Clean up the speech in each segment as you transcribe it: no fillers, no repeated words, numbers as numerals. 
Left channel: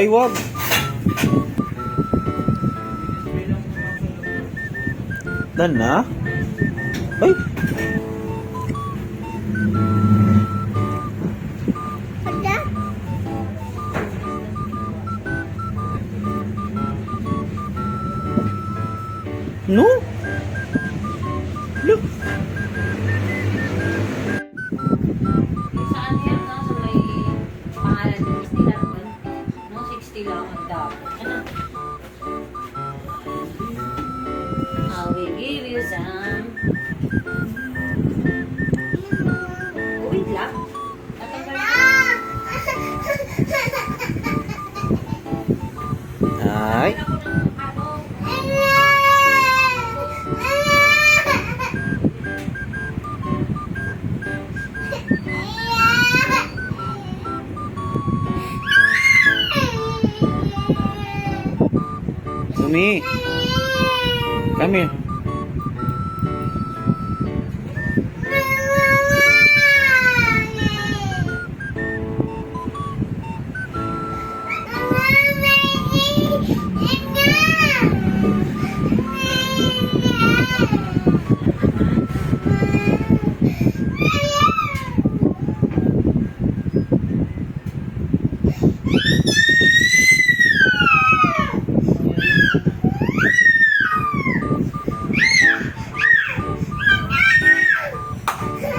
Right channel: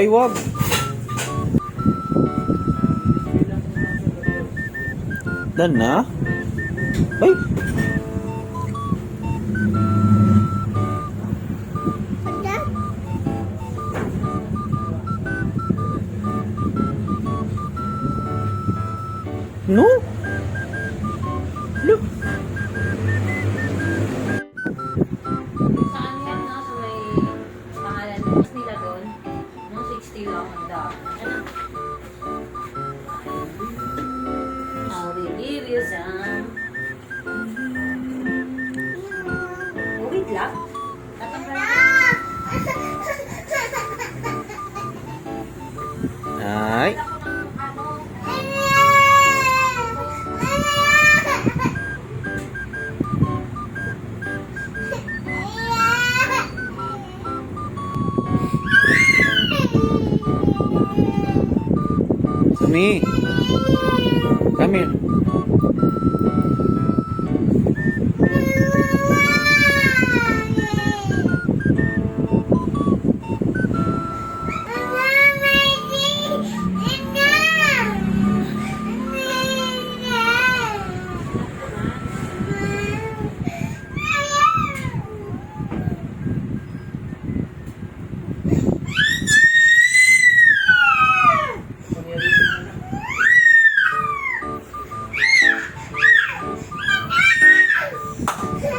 Ay, wag. Dan na? Ay. No? Look. Saan yan, no? So may pangalan nila doon. No, 60 lang ang daw. I will give you some. Oh, wait lang. Ay. Sumi. Come here.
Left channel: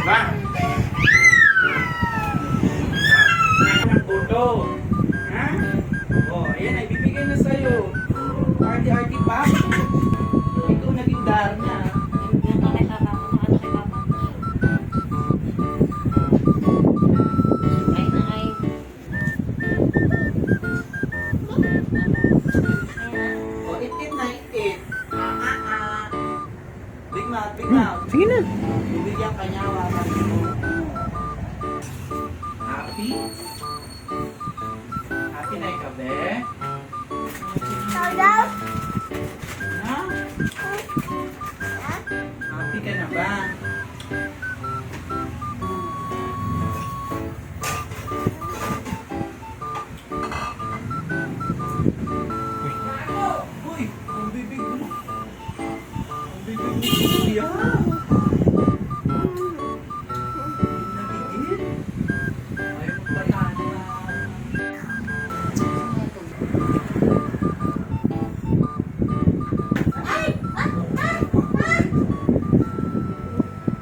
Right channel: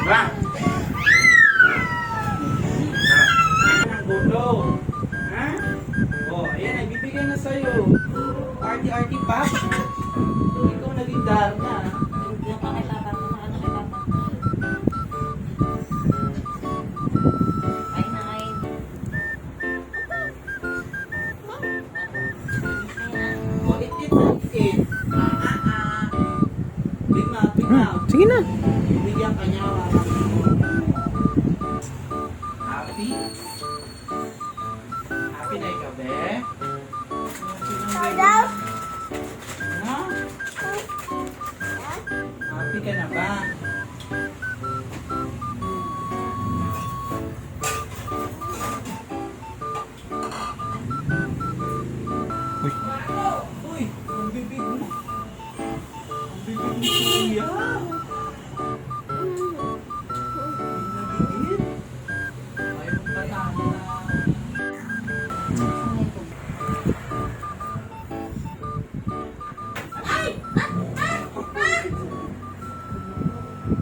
Ha? Oh, ayan, ay bibigyan na sa'yo. Arty-arty pa. Ikaw naging Darna. Yung kay Papa mo, ano kay Papa? Kahit na kayo. Oh, it like it. Big mouth, big mouth. Sige na. Bibigyan ka niya. Happy? Happy na ikaw, be? Ha? Happy ka na ba? Uy, ang bibig mo. Ang bibig mo siya. Nagigil. Ayaw patana.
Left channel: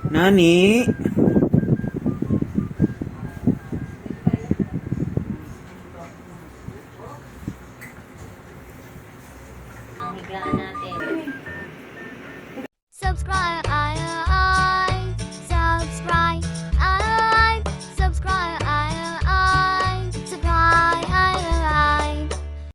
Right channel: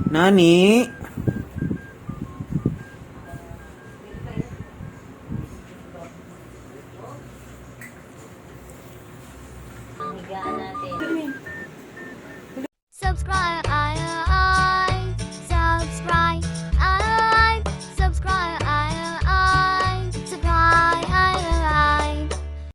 Nani? Ang higaan natin.